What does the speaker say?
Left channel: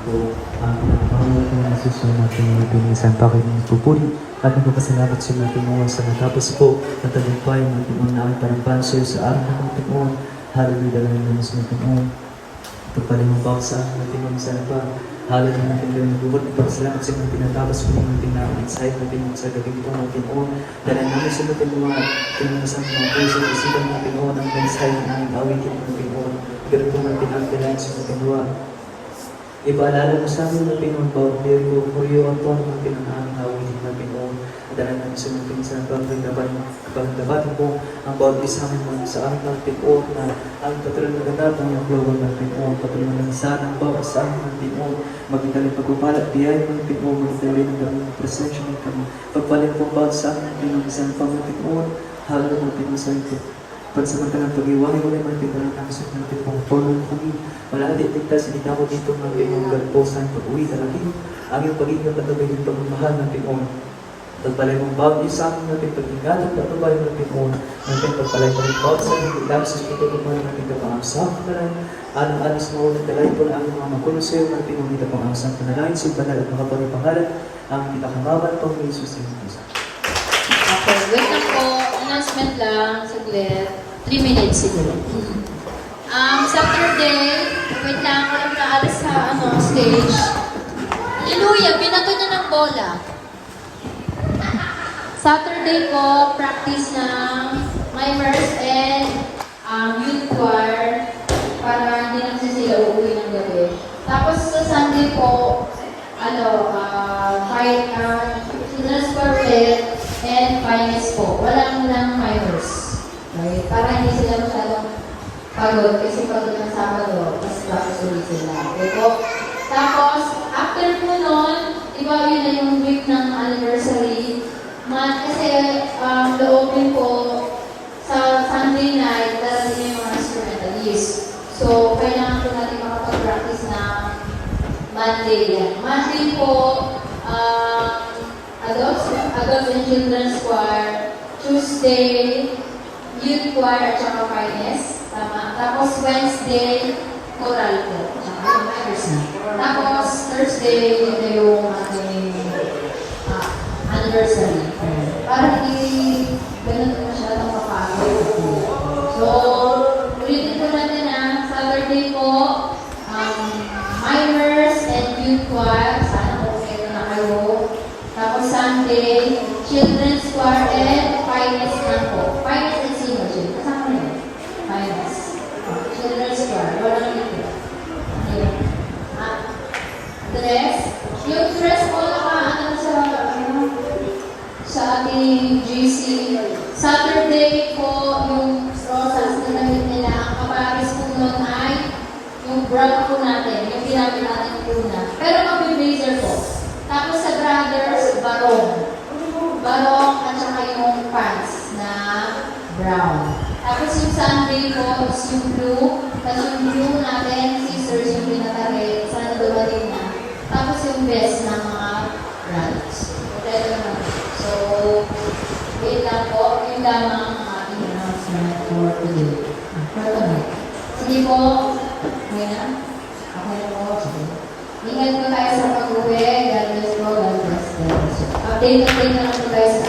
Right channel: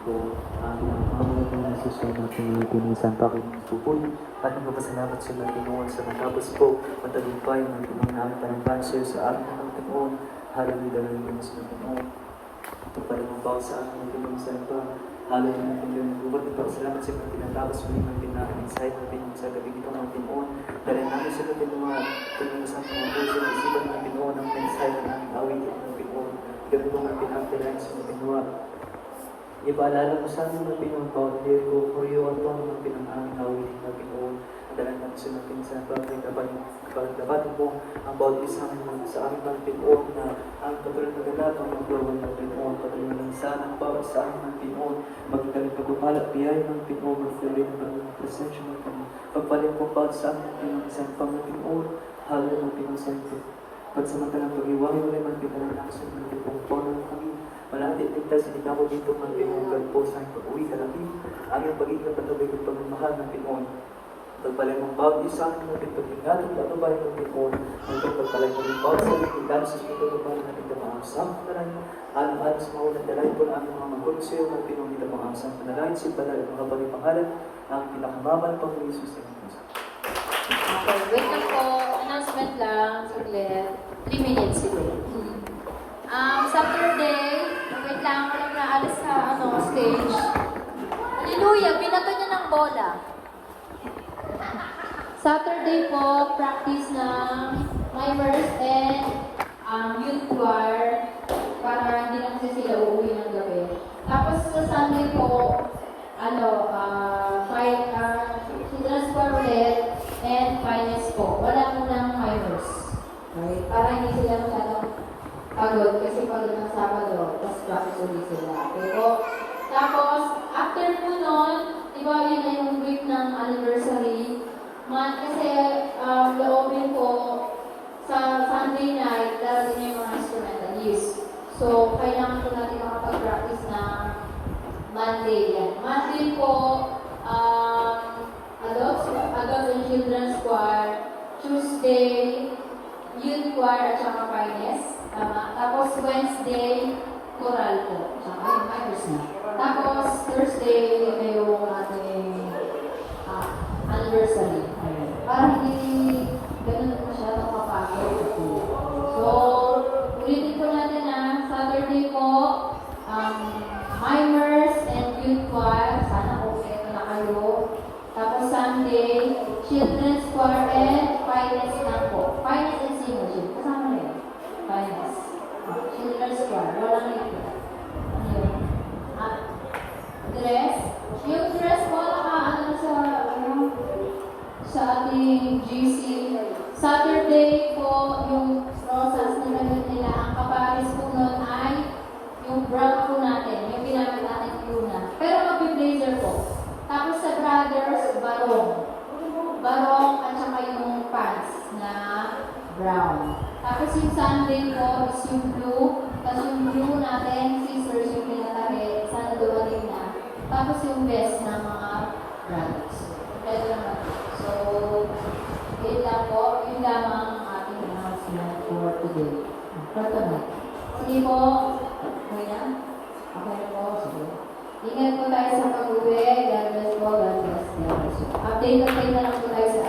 po ang pinapahalaga ng sisyon natin pinisan pakinig pupuri at nagpapasalamat sa natin mo sa nagkapos po na tagumpay ng pinunaan panagpanser sa araw ng Panginoon. Hallelujah lang naman sa Panginoon. Pagpalimubaw sa akin natin mo sa pa. Hallelujah natin yung nagbuhat. Nagpapasalamat sa mga pinatapos po ng natin na insight natin sa gabi ito ng Panginoon. Dahil namin sa natin mga pinunasang mga puso isipan ng Panginoon ang insight ng awitin ng Panginoon. Pero po natin ang kailangan sa Panginoon. Ipaalala mo sa amin ng Pinoon bawat day ko for you ang tono ng pinangahawitin ng Pinoon. At dahil namin sa mga pinsan kapalagdabatin mo ang bawat isa namin sa amin ng Pinoon na ang patuloy na ganap ng global ng Pinoon. Patuloy na isa ng bawat sa amin ng Pinoon. Magdalhin pagpupala, biyay ng Pinoon. Magdalhin ng ganang presensya ng kami. Pagpalit po bawat sa amin ng Pinoon. Isang pang Pinoon. Halal ng Pinoon sa ito. Pagsamantalang pag-iwagi mo naman pindalang ang sa mga tipong tono ng kami. Malaki tigtas, hindi na ako dito ng Pinoon gantosan pag-uwi talagang ang iyong pag-ibig patuloy ng pagmamahal ng Pinoon. Pagpalay mong bawat isa ang natin pag-ingat at patubay ng Pinoon. Natin pagpalay mo rin bawat sa mga pagdapos sa pagtulungan natin kapangasap na rin. Alas mo na dalay po ang mga makuluseo ng Pinoon nila pangasap na rin. Simbanal at nakapanipangalan ang pinakamaban pang Jesus ng Musa. Okay, wait lang po. Announcement lang, saglit. 3 minutes siguro. Saturday, wait lang, walang naalas sa stage. Hallelujah, binato niya ng bola. Saturday po, practice ng mimers and youth choir para hindi lang sila uuwi ng gabi. Tapos sa Sunday po, children's quartet and finance po. Walang mimers. Okay? Para hindi sila masyadong pagod kasi pagod ng Sabado, tapos bakit ulit sila. Okay po? Tapos, after po nun, diba yun na yung week ng anniversary. Kasi loopin po sa Sunday night, dahil yung mga instrumentalist. So, kailangan po natin makapag-practice na Monday yan. Monday po, adults and children's choir. Tuesday, youth choir at saka finance. Tama. Tapos Wednesday, choral po. Tapos Thursday, yun na yung ating anniversary. Para hindi ganun masyadong kapagod. So, ulitin po natin Saturday po, mimers and youth choir. Sana po kayo na kayo. Tapos Sunday, children's choir and finance na po. Finance and senior. Kasama na yun. Finance. Children's choir. Walang ito. Ano yun? Dress. Yung dress po sa ating GC. Saturday po, yung rosas na gamit nila. Ang kaparis po nun ay yung brown po natin. Yung pinapin natin po na. Pero mag-blazer po. Tapos sa brothers, barong at saka yung pants na brown. Tapos yung Sunday po is yung blue. Tapos yung blue natin, sisters yung pinatari. Sana dumating na. Tapos yung best ng mga brothers. Okay naman. So, wait lang po. Yung lamang ang ating announcement for today. Sige po. Okay na? Okay na po. Sige. Ingat po tayo sa pag-uwi. God bless po. God bless. Update na lang po tayo sa